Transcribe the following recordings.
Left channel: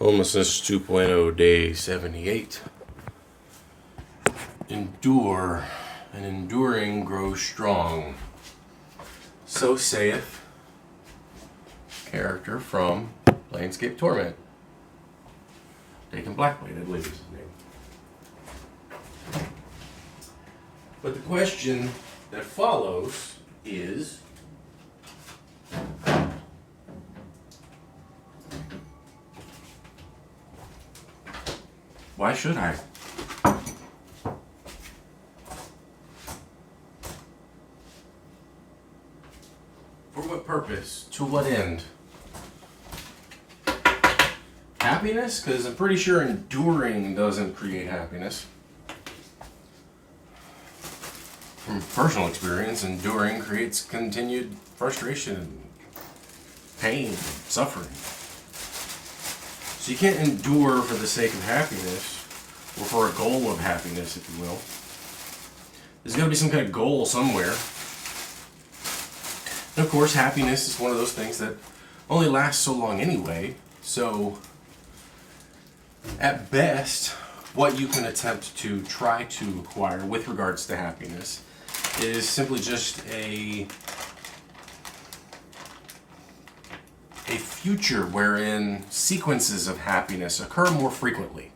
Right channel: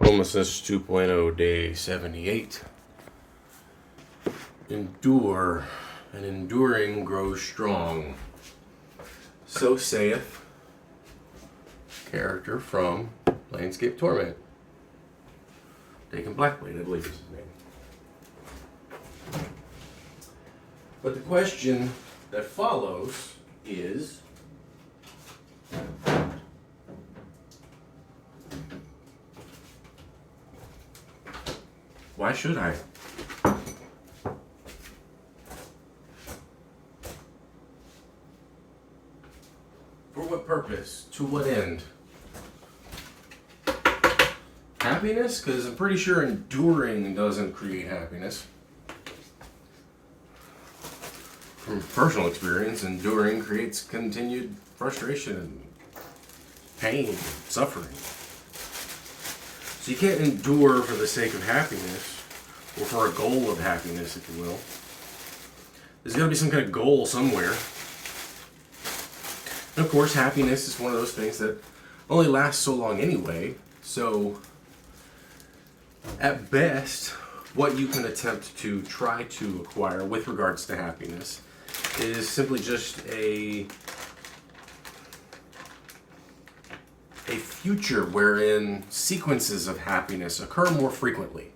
Homelessness 2.0, day 78. Endure, and enduring grows strong. So saith character from Landscape Torment. Dakin Blackblade, I believe is his name. But the question that follows is, why should I? For what purpose? To what end? Happiness? Because I'm pretty sure enduring doesn't create happiness. From personal experience, enduring creates continued frustration, pain, suffering. So you can't endure for the sake of happiness, or for a goal of happiness, if you will. There's got to be some kind of goal somewhere. And of course, happiness is one of those things that only lasts so long anyway. So, at best, what you can attempt to try to acquire with regards to happiness is simply just a future wherein sequences of happiness occur more frequently.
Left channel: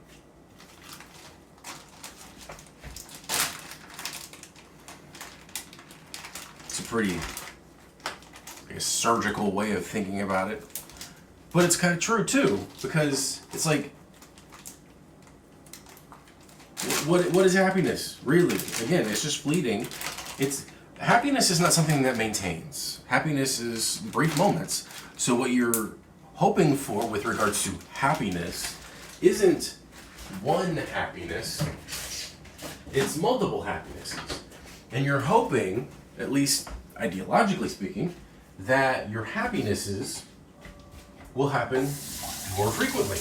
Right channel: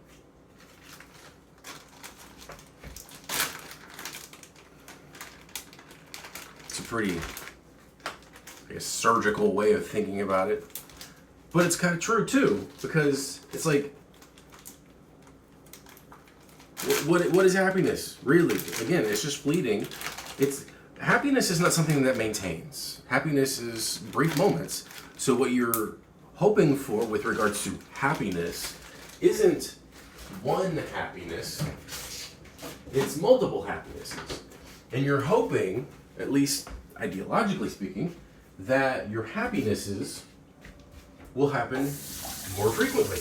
It's a pretty surgical way of thinking about it. But it's kind of true too, because it's like, what is happiness, really? Again, it's just fleeting. Happiness is not something that maintains. Happiness is brief moments. So what you're hoping for with regards to happiness isn't one happiness, it's multiple happinesses. And you're hoping, at least ideologically speaking, that your happinesses will happen more frequently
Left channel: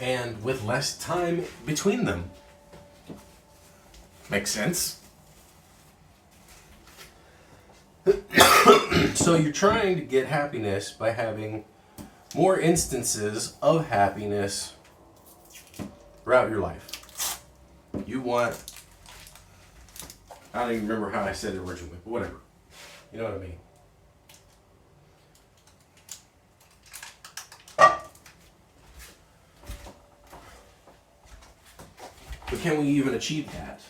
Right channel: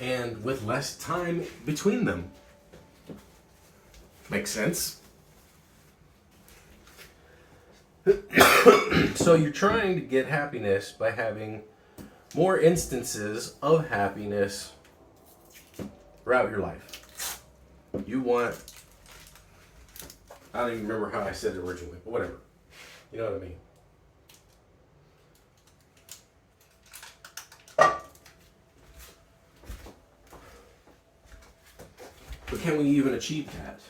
and with less time between them. Makes sense? So you're trying to get happiness by having more instances of happiness throughout your life. You want, I don't even remember how I said it originally, but whatever. You know what I mean? But can we even achieve that?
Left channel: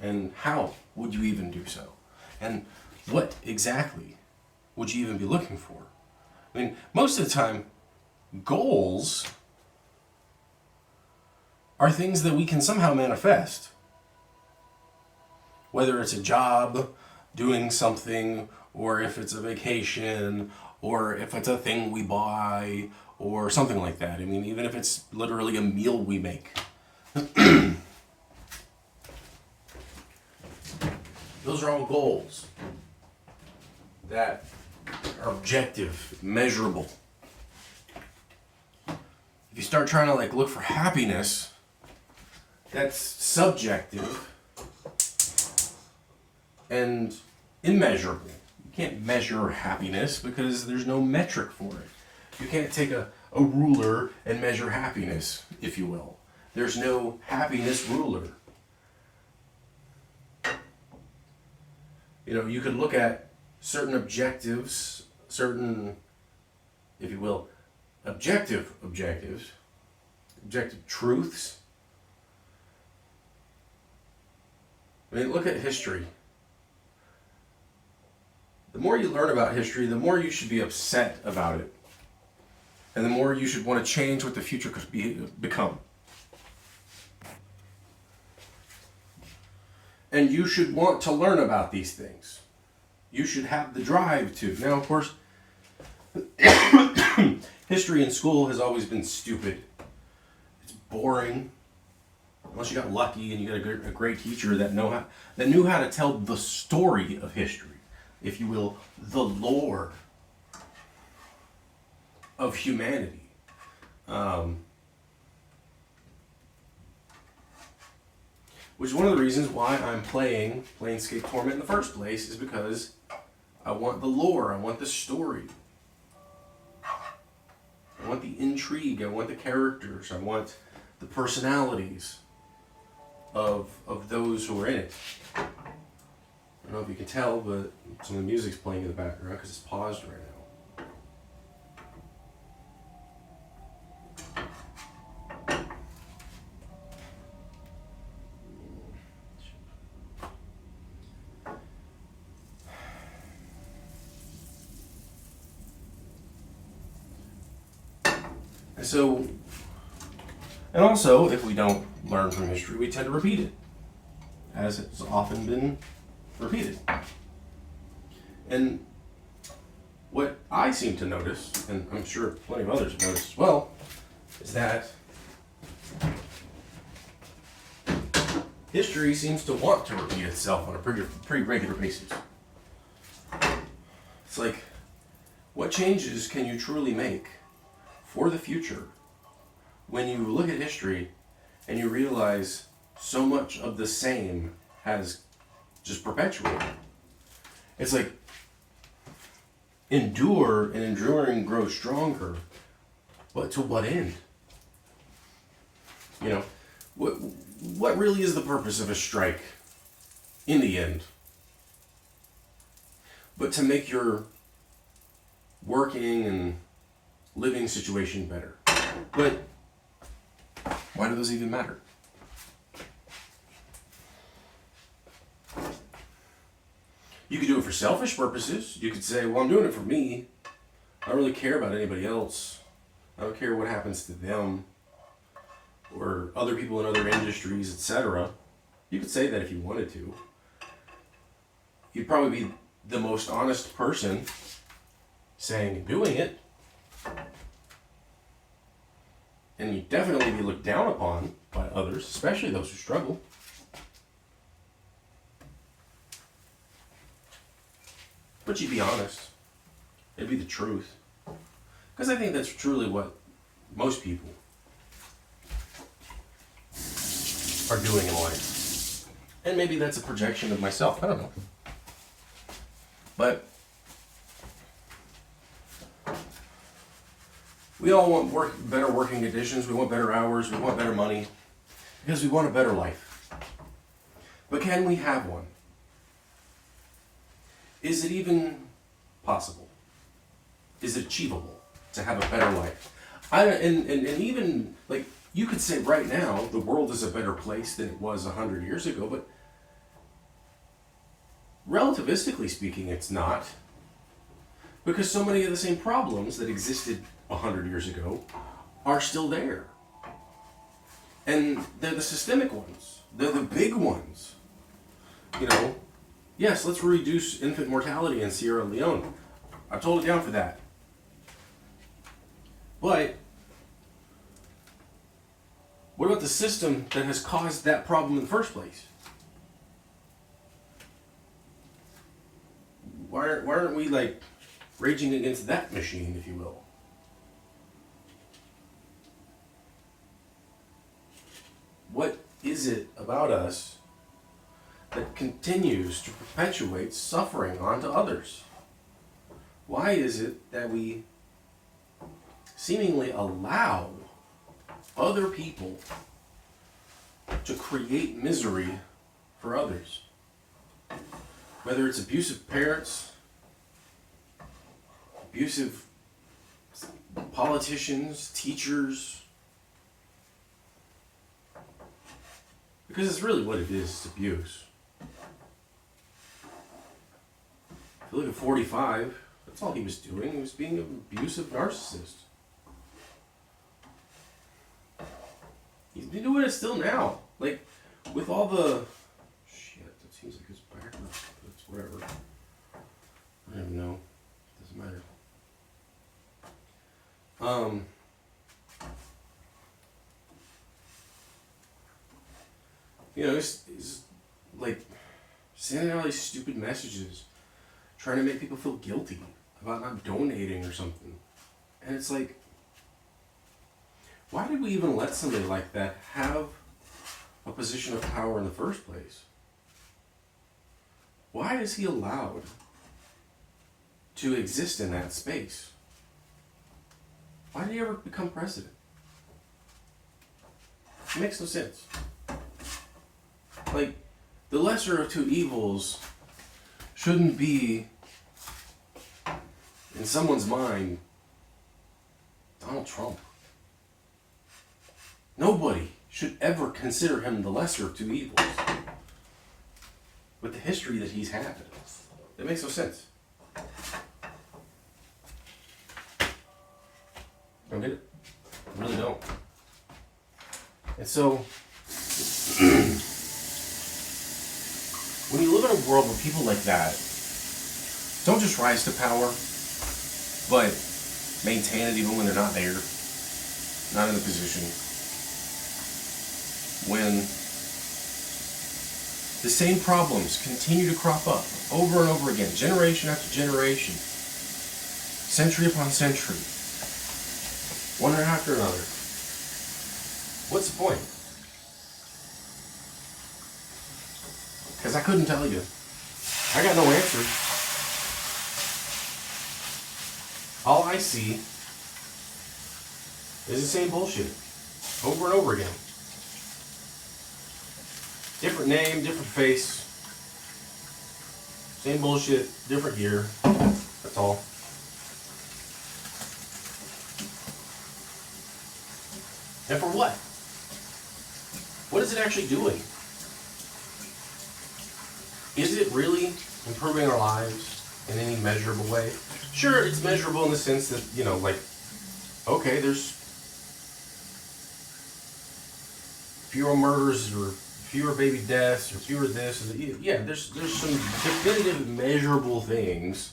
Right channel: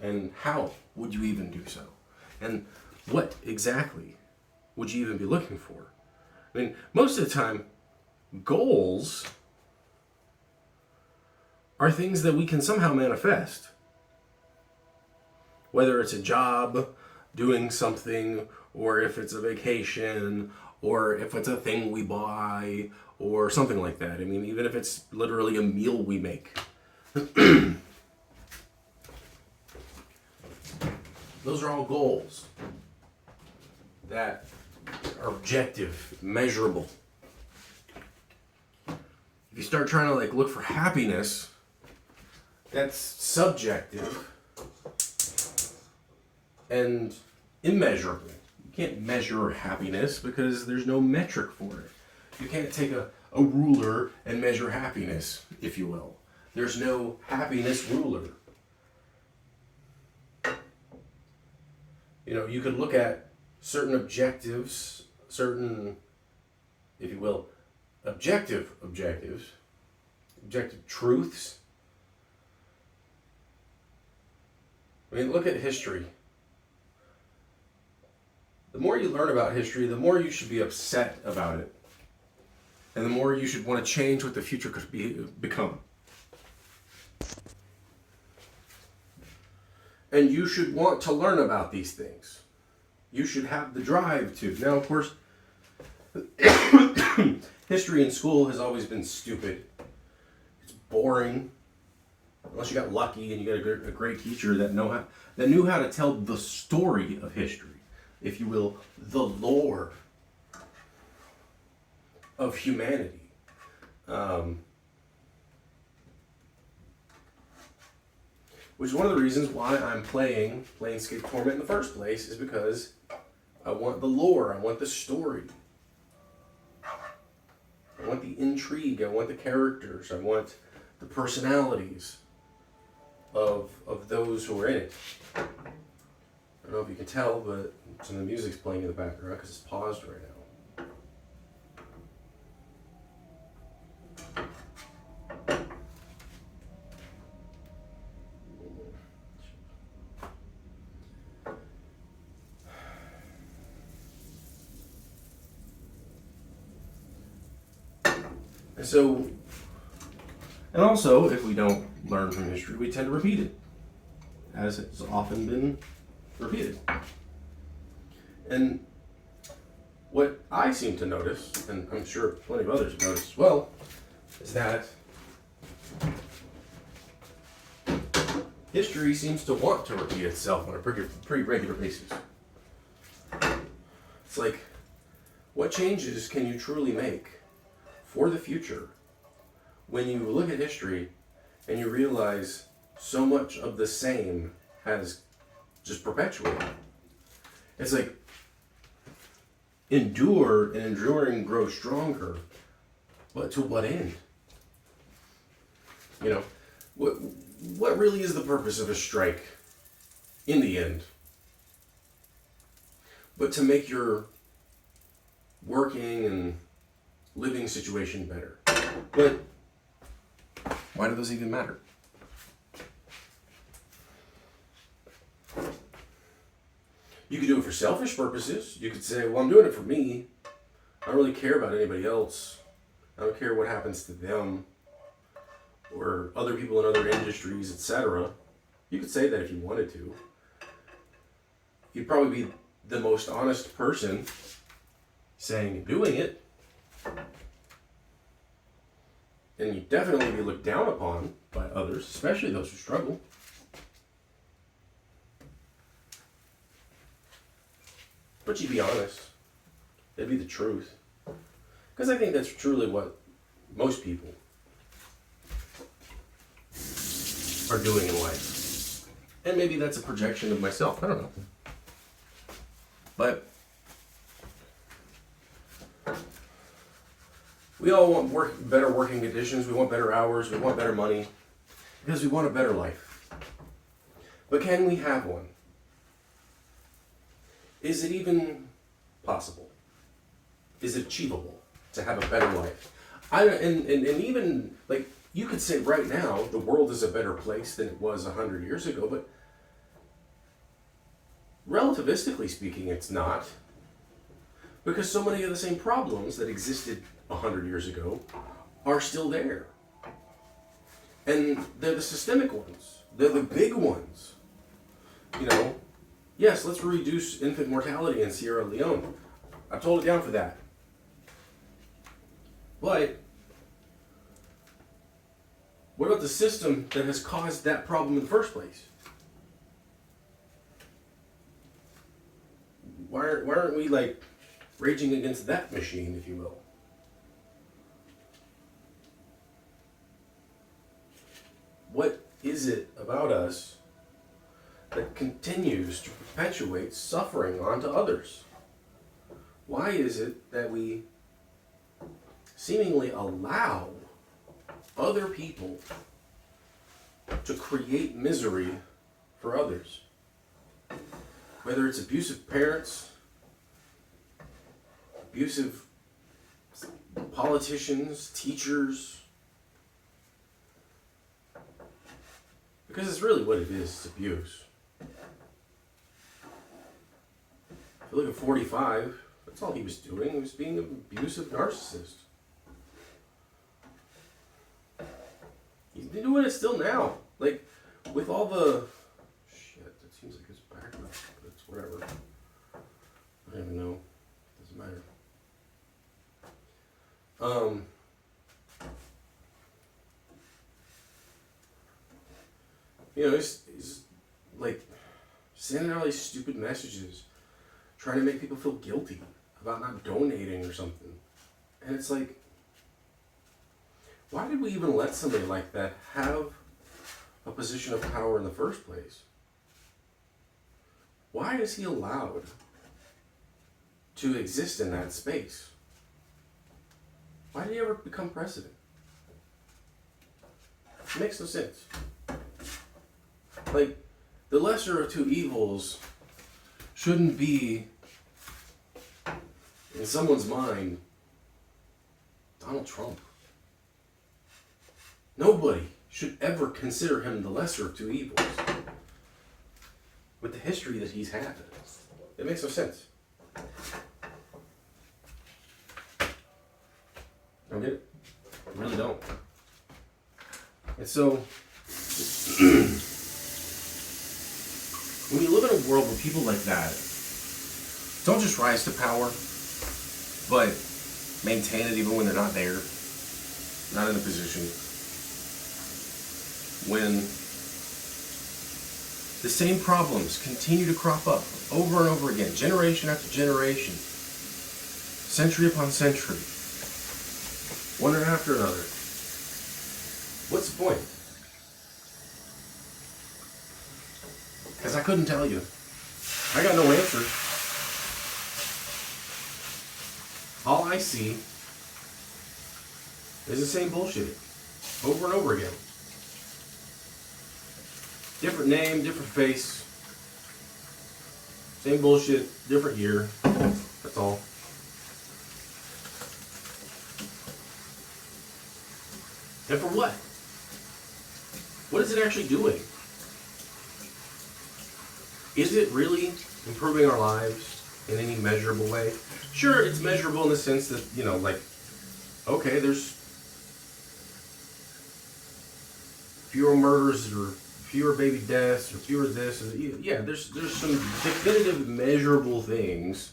And how would you even do so? And what exactly would you even be looking for? I mean, most of the time, goals are things that we can somehow manifest. Whether it's a job, doing something, or if it's a vacation, or if it's a thing we buy, or something like that. I mean, even if it's literally a meal we make. Those are all goals that are objective, measurable. If you start trying to look for happiness, that's subjective and immeasurable. You can't measure happiness because there's no metric for it. You can't take a ruler and measure happiness, if you will. There's no happiness ruler. You could look at certain objectives, certain, if you will, objective truths. I mean, look at history. The more you learn about history, the more you should be upset about it. And the more you should want to change what the future could become. And you should want to learn about these things. You should have the drive to. Now, of course, history in school has always been stupid. It's boring. Unless you got lucky and you got a great teacher that knew how to tell the story of history, if you will, the lore of humanity. Which is one of the reasons why I'm playing Landscape Torment in the first place, is because I want the lore, I want the story. want the intrigue. I want the characters. I want the personalities of those who are in it. I don't know if you can tell, but some of the music's playing in the background because it's paused right now. And also, if we don't learn from history, we tend to repeat it, as it's often been repeated. And what I seem to notice, and I'm sure plenty of others have noticed as well, is that history seems to want to repeat itself on a pretty regular basis. It's like, what changes can you truly make for the future when you look at history and you realize so much of the same has just perpetuated? It's like, endure, and enduring grows stronger, but to what end? You know, what really is the purpose of a strike in the end? But to make your working and living situation better. But why do those even matter? You could do it for selfish purposes. You could say, well, I'm doing it for me. I don't really care about anybody else. I don't care what happens to them or other people in other industries, etc. You could say that if you wanted to. You'd probably be the most honest person saying and doing it. And you'd definitely be looked down upon by others, especially those who struggle. But you'd be honest. It'd be the truth. Because I think that's truly what most people are doing in life. And maybe that's a projection of myself. I don't know. But we all want better working conditions. We want better hours. We want better money. Because we want a better life. But can we have one? Is it even possible? Is it achievable to have a better life? And even, like, you could say right now, the world is a better place than it was 100 years ago, but relativistically speaking, it's not. Because so many of the same problems that existed 100 years ago are still there. And they're the systemic ones. They're the big ones. You know, yes, let's reduce infant mortality in Sierra Leone. I'm totally down for that. But what about the system that has caused that problem in the first place? Why aren't we, like, raging against that machine, if you will? What is it about us that continues to perpetuate suffering onto others? Why is it that we seemingly allow other people to create misery for others? Whether it's abusive parents, abusive politicians, teachers. Because it's really what it is, it's abuse. If you look at 45, that's all he was doing. He was being an abusive narcissist. He's been doing it still now. Like, with all the... Shit, that seems like it's backwards, but it's whatever. I don't even know. It doesn't matter. You know, he's like sending out these stupid messages, trying to make people feel guilty about not donating or something. And it's like, why did we even let somebody like that have a position of power in the first place? Why is he allowed to exist in that space? Why did he ever become president? It makes no sense. Like, the lesser of two evils shouldn't be, in someone's mind, Donald Trump. Nobody should ever consider him the lesser of two evils. With the history that he's had, it makes no sense. I don't get it. I really don't. And so, when you live in a world where people like that don't just rise to power, but maintain it even when they're not there, not in a position, when the same problems continue to crop up over and over again, generation after generation, century upon century, one after another. What's the point? Because I couldn't tell you. I got no answer. All I see is the same bullshit over and over again. Different name, different face. Same bullshit, different year. That's all. And for what? What is it actually doing? Is it really improving our lives in any measurable way? Sure, it's measurable in the sense that, like, okay, there's fewer murders or fewer baby deaths or fewer this. Or yeah, there's some definitive measurable things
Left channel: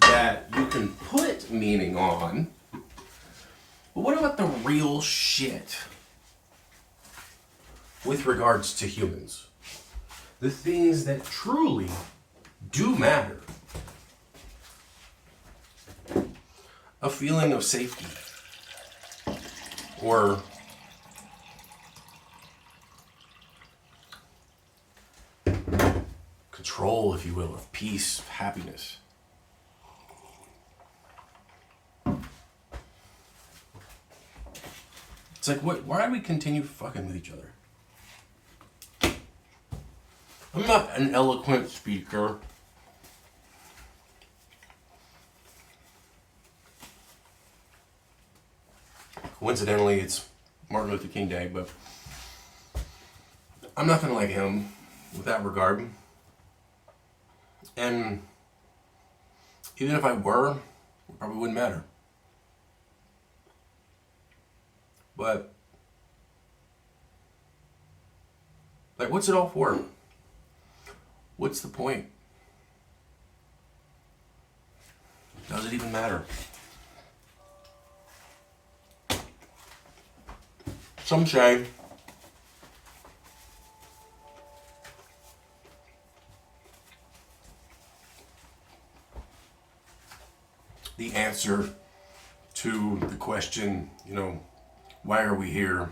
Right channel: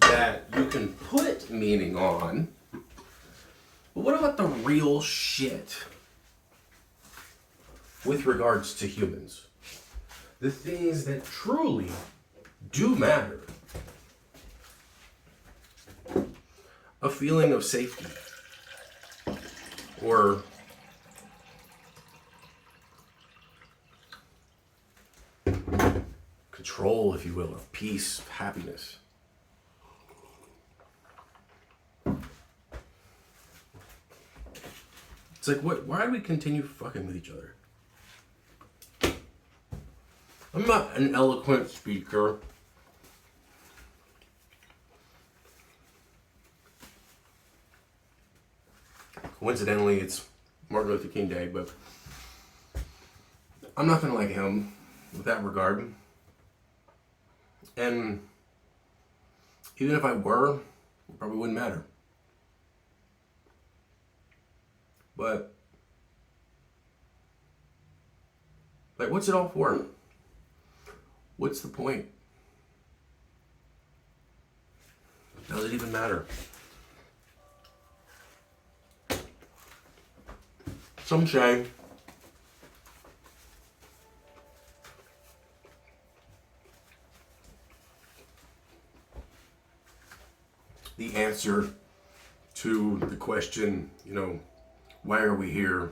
that you can put meaning on. But what about the real shit with regards to humans? The things that truly do matter. A feeling of safety. Or control, if you will, of peace, of happiness. It's like, why do we continue fucking with each other? I'm not an eloquent speaker. Coincidentally, it's Martin Luther King Day, but I'm nothing like him with that regard. And even if I were, it probably wouldn't matter. But, like, what's it all for? What's the point? Does it even matter? Some say the answer to the question, why are we here?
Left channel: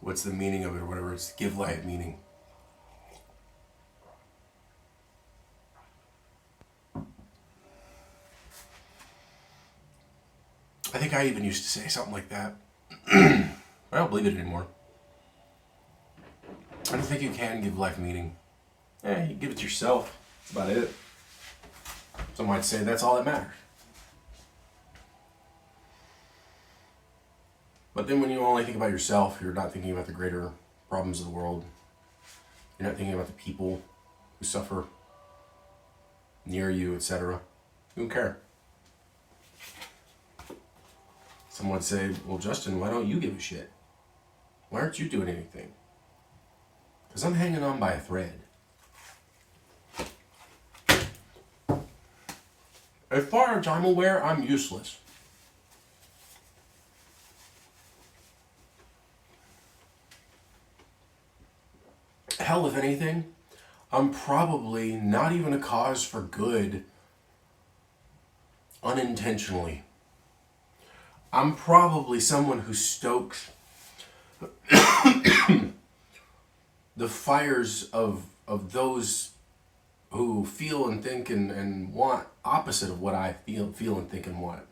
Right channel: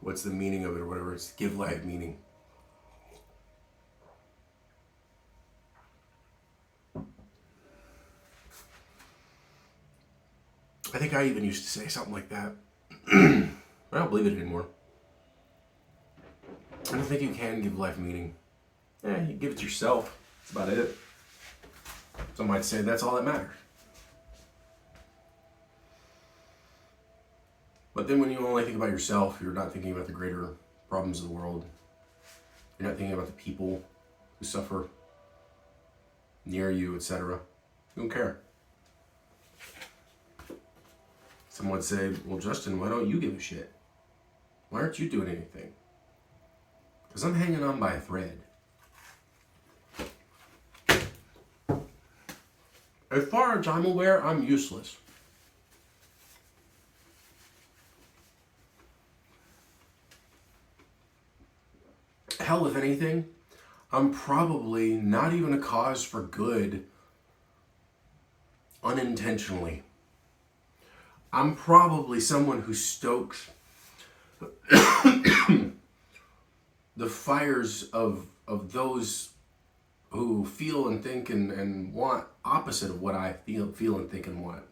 What's the meaning of it or whatever? It's give life meaning. I think I even used to say something like that. I don't believe it anymore. I don't think you can give life meaning. You give it to yourself. That's about it. Some might say that's all that matters. But then when you only think about yourself, you're not thinking about the greater problems of the world. You're not thinking about the people who suffer near you, etc. You don't care. Someone would say, well, Justin, why don't you give a shit? Why aren't you doing anything? Because I'm hanging on by a thread. As far as I'm aware, I'm useless. Hell, if anything, I'm probably not even a cause for good unintentionally. I'm probably someone who stokes the fires of those who feel and think and want opposite of what I feel and think and want.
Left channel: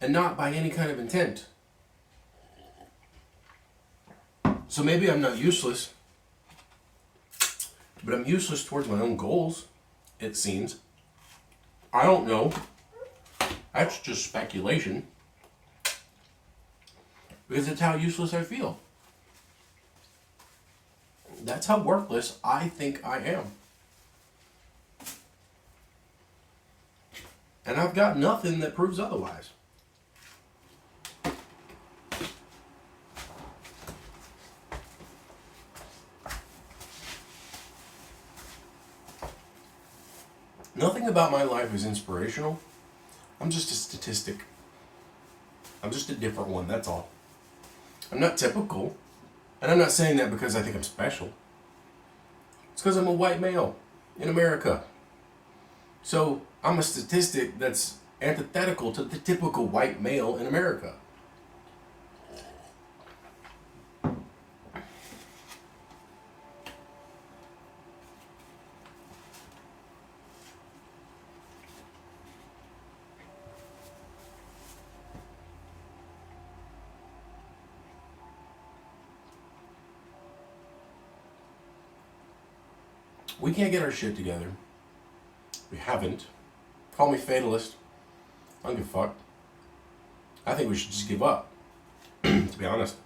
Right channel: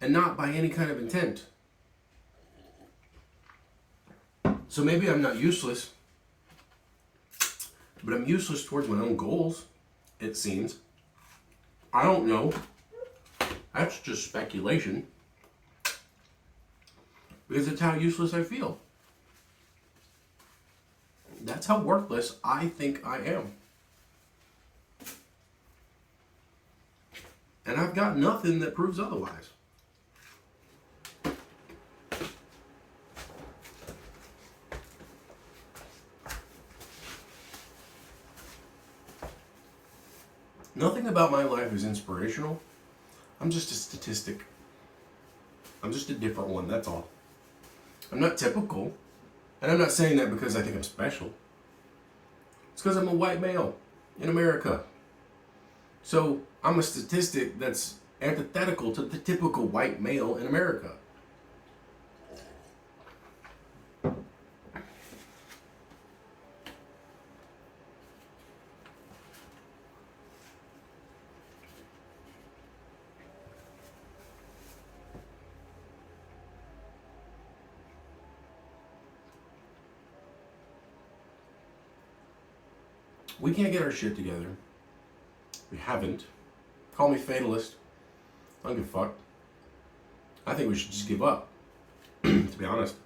and not by any kind of intent. So maybe I'm not useless, but I'm useless towards my own goals, it seems. I don't know. That's just speculation. Because it's how useless I feel. That's how worthless I think I am. And I've got nothing that proves otherwise. Nothing about my life is inspirational. I'm just a statistic. I'm just a different one, that's all. I'm not typical. And I'm not saying that because I think I'm special. It's because I'm a white male in America. So I'm a statistic that's antithetical to the typical white male in America. We can't get our shit together. We haven't. Call me fatalist. I don't give a fuck. I think we should just give up, to be honest.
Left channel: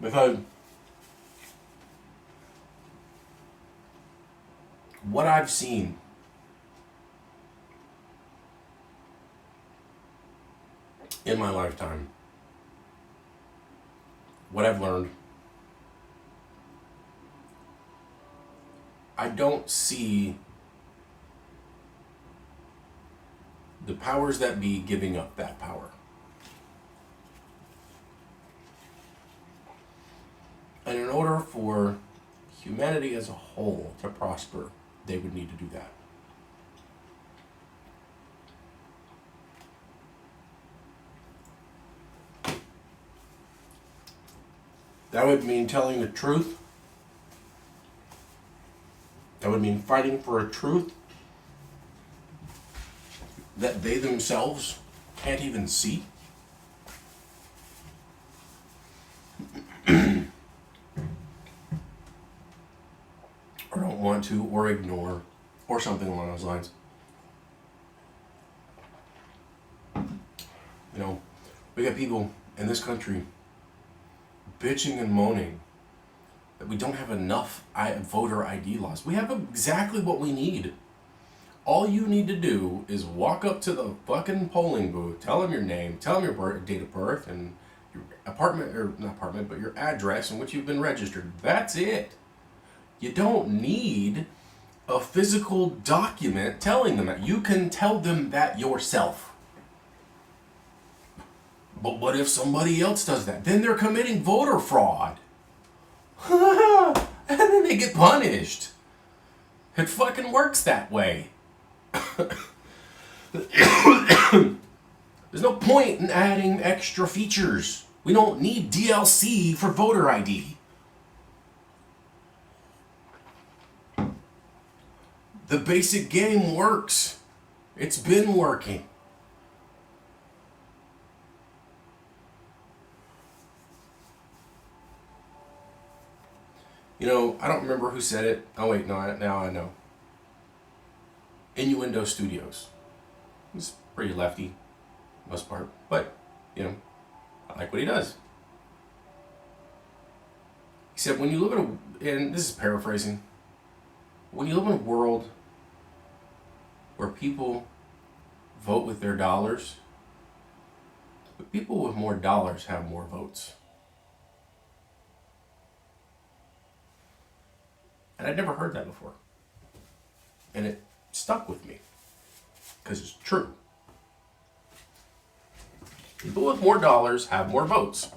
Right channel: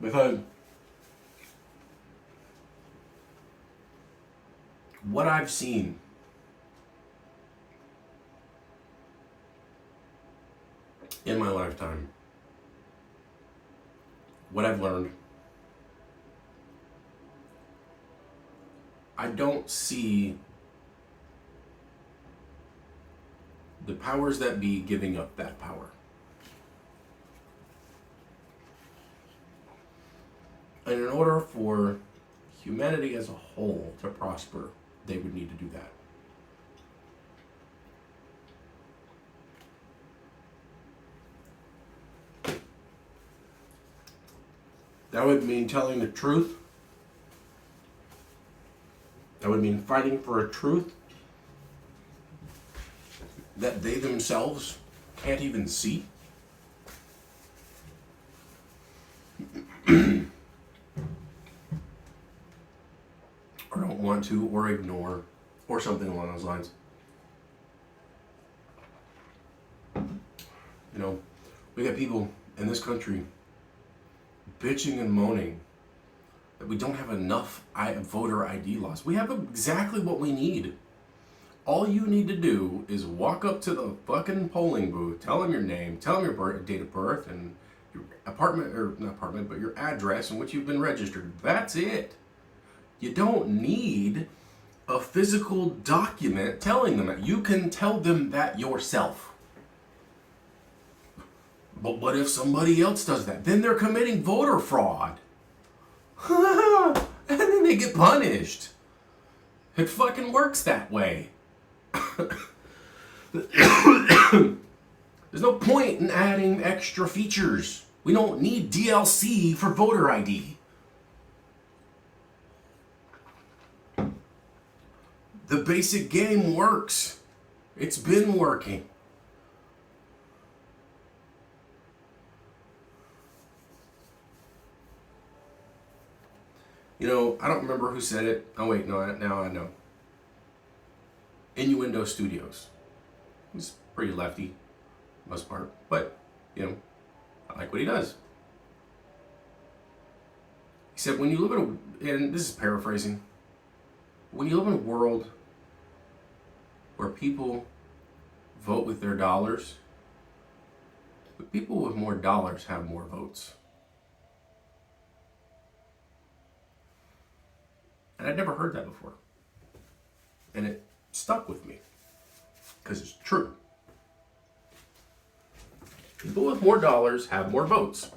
Because what I've seen in my lifetime, what I've learned, I don't see the powers that be giving up that power. And in order for humanity as a whole to prosper, they would need to do that. That would mean telling the truth. That would mean fighting for a truth that they themselves can't even see. Or don't want to, or ignore, or something along those lines. You know, we got people in this country bitching and moaning that we don't have enough voter ID laws. We have exactly what we need. All you need to do is walk up to the fucking polling booth, tell them your name, tell them your date of birth, and your apartment, or not apartment, but your address in which you've been registered. That's it. You don't need a physical document telling them that. You can tell them that yourself. But what if somebody else does that? Then they're committing voter fraud. And then they get punished. It fucking works that way. There's no point in adding extra features. We don't need DLC for voter ID. The basic game works. It's been working. You know, I don't remember who said it. Oh wait, no, now I know. Innuendo Studios. He's pretty lefty, most part, but, you know, I like what he does. He said, when you live in a, and this is paraphrasing, when you live in a world where people vote with their dollars, but people with more dollars have more votes. And I'd never heard that before. And it stuck with me. Because it's true. People with more dollars have more votes.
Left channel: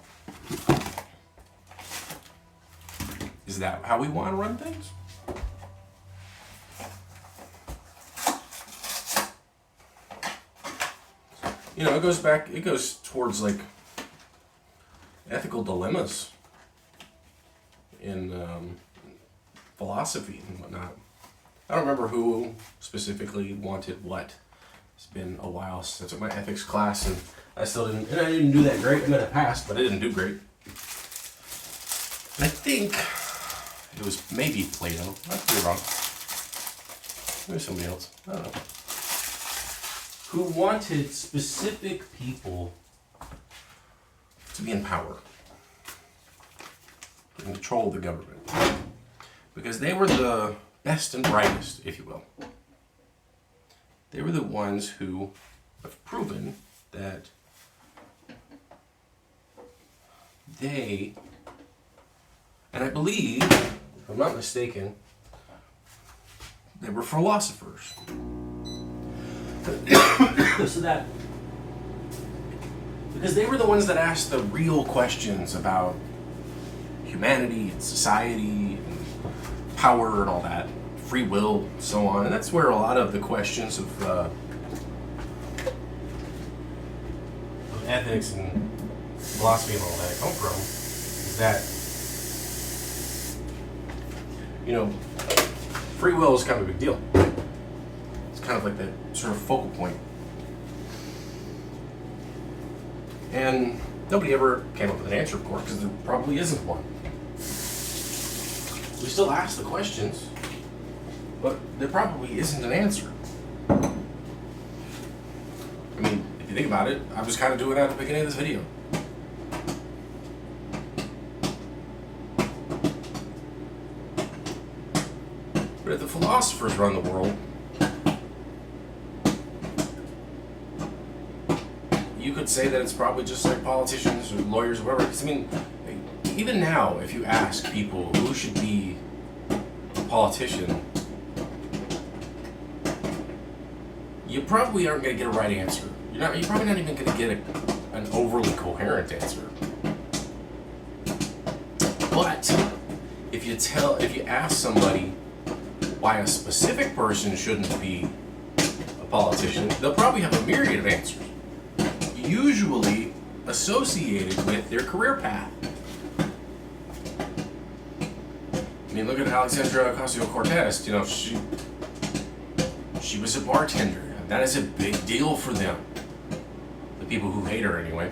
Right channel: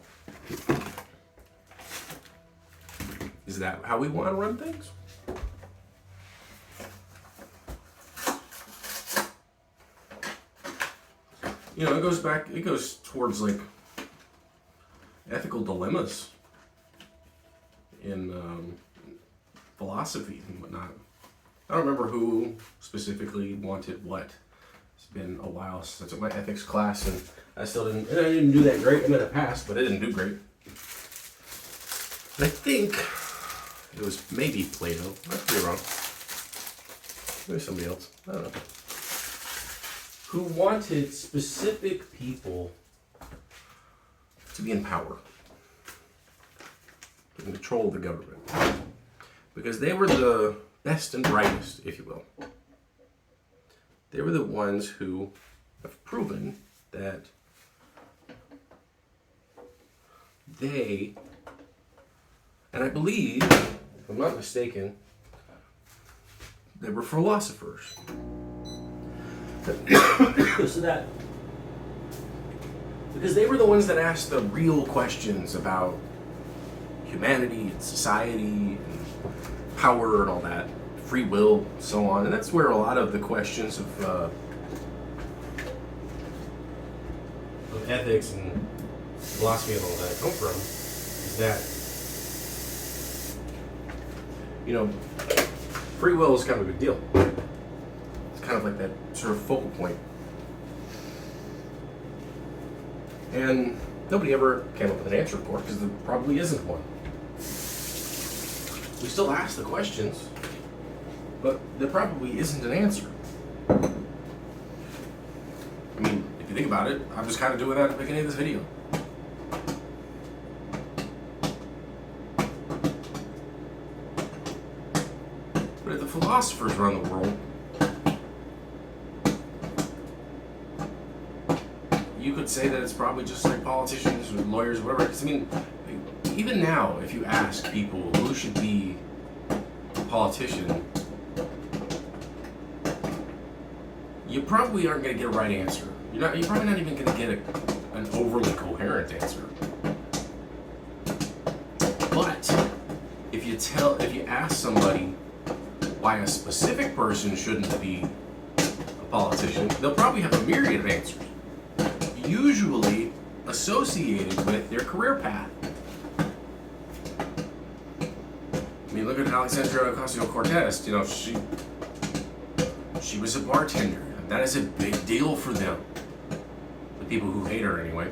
Is that how we want to run things? You know, it goes towards like ethical dilemmas in philosophy and whatnot. I don't remember who specifically wanted what, It's been a while since I took my ethics class, and I didn't do that great. I mean, I passed, but I didn't do great. I think it was maybe Plato. I could be wrong. Maybe somebody else. I don't know. Who wanted specific people to be in power, to control the government, because they were the best and brightest, if you will. They were the ones who have proven that they, and I believe, if I'm not mistaken, they were philosophers. So that, because they were the ones that asked the real questions about humanity and society and power and all that, free will, so on. And that's where a lot of the questions of ethics and philosophy and all that come from, is that, free will is kind of a big deal. It's kind of like that sort of focal point. And nobody ever came up with an answer, of course, because there probably isn't one. We still ask the questions, but there probably isn't an answer. I mean, if you think about it, I'm just kind of doing that at the beginning of this video. But if the philosophers run the world, you could say that it's probably just like politicians or lawyers or whatever. Because I mean, even now, if you ask people who should be a politician, you probably aren't going to get a right answer. You're probably not even going to get an overly coherent answer. But if you ask somebody why a specific person shouldn't be a politician, they'll probably have a myriad of answers, usually associated with their career path. I mean, look at Alexandria Ocasio-Cortez. She was a bartender. That is a big deal for them. The people who hate her, anyway.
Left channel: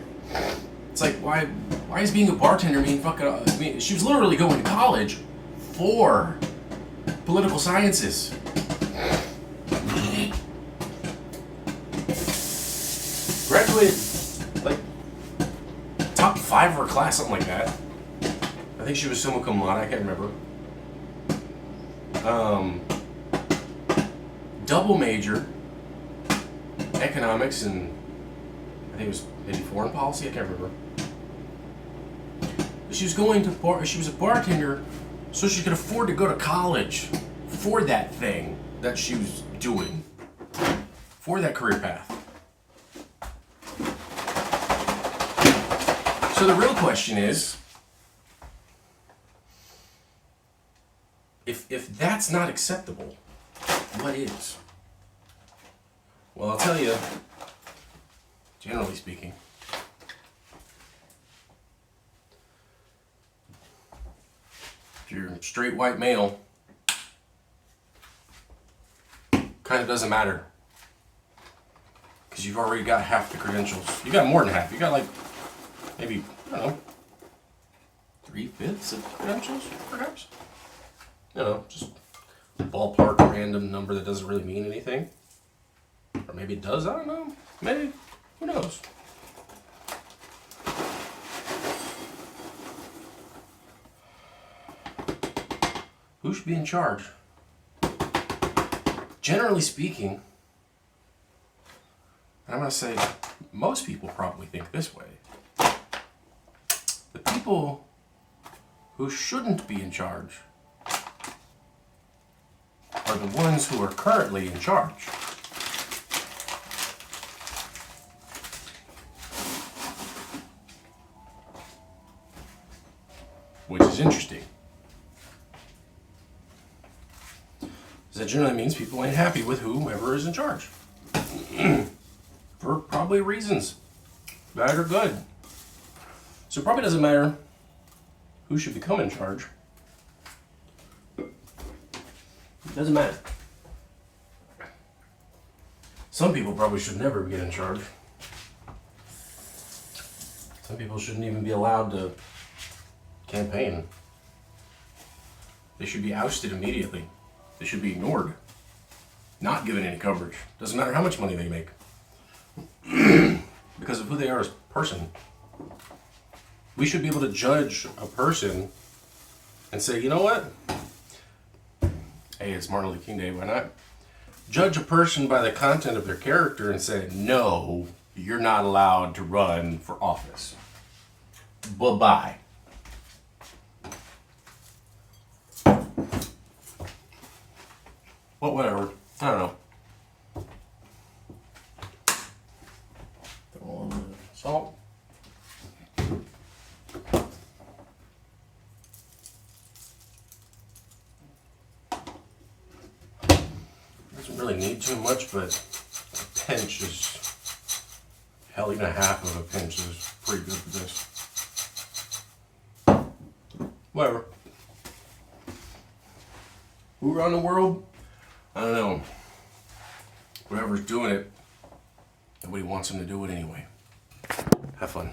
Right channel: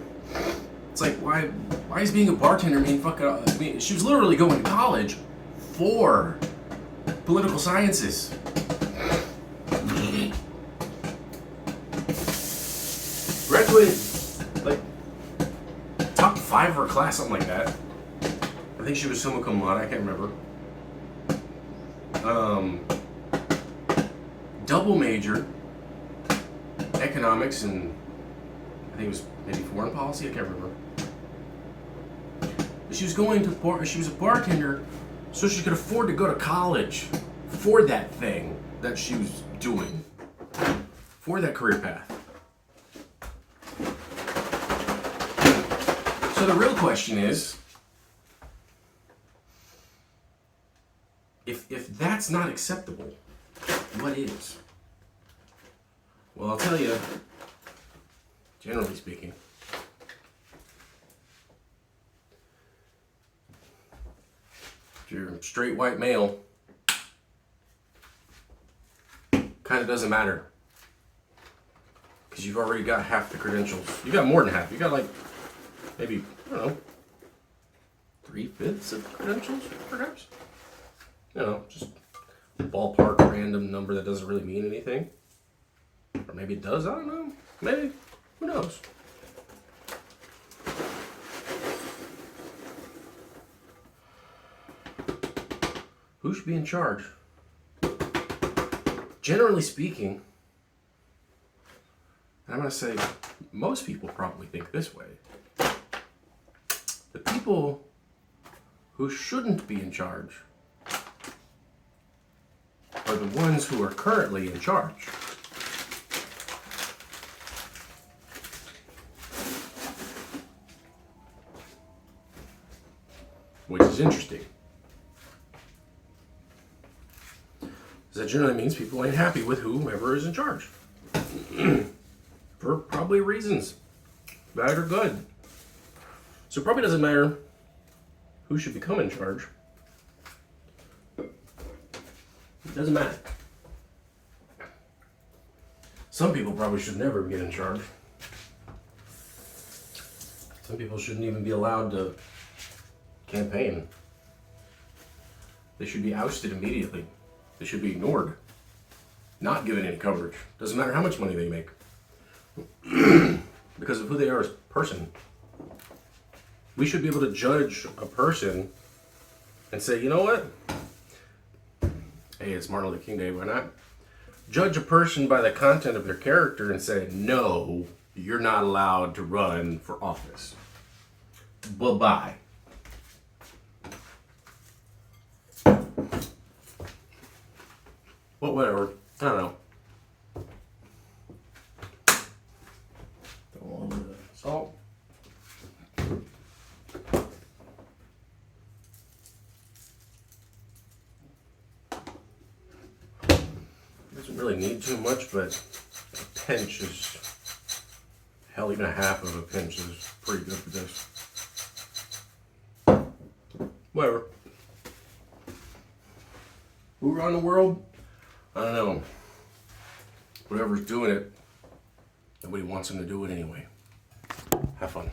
It's like, why is being a bartender mean fucking? I mean, she was literally going to college for political sciences. Graduated like top 5 of her class, something like that. I think she was summa cum laude. I can't remember. Double major, economics and I think it was maybe foreign policy. I can't remember. But she was she was a bartender, so she could afford to go to college for that thing that she was doing, for that career path. So the real question is, if that's not acceptable, what is? Well, I'll tell you, generally speaking, if you're a straight white male, kind of doesn't matter. Because you've already got half the credentials. You got more than half. You got like, maybe, I don't know, 3/5 of credentials, perhaps? Just a ballpark random number that doesn't really mean anything. Or maybe it does, I don't know. Maybe, who knows? Who should be in charge? Generally speaking, I'm going to say most people probably think this way. The people who shouldn't be in charge are the ones who are currently in charge. Which is interesting. Because that generally means people ain't happy with whomever is in charge. For probably reasons, bad or good. So it probably doesn't matter who should become in charge. It doesn't matter. Some people probably should never get in charge. Some people shouldn't even be allowed to campaign. They should be ousted immediately. They should be ignored. Not given any coverage. Doesn't matter how much money they make. Because of who they are as a person. We should be able to judge a person and say, you know what? Hey, it's Martin Luther King Day, why not? Judge a person by the content of their character and say, no, you're not allowed to run for office. Bye-bye. Well, whatever. I don't know. Throw on the salt. Doesn't really need too much, but a pinch is, hell, even a half of a pinch is pretty good for this. Whatever. Who run the world? I don't know. Whoever's doing it, nobody wants them to do it anyway. Have fun.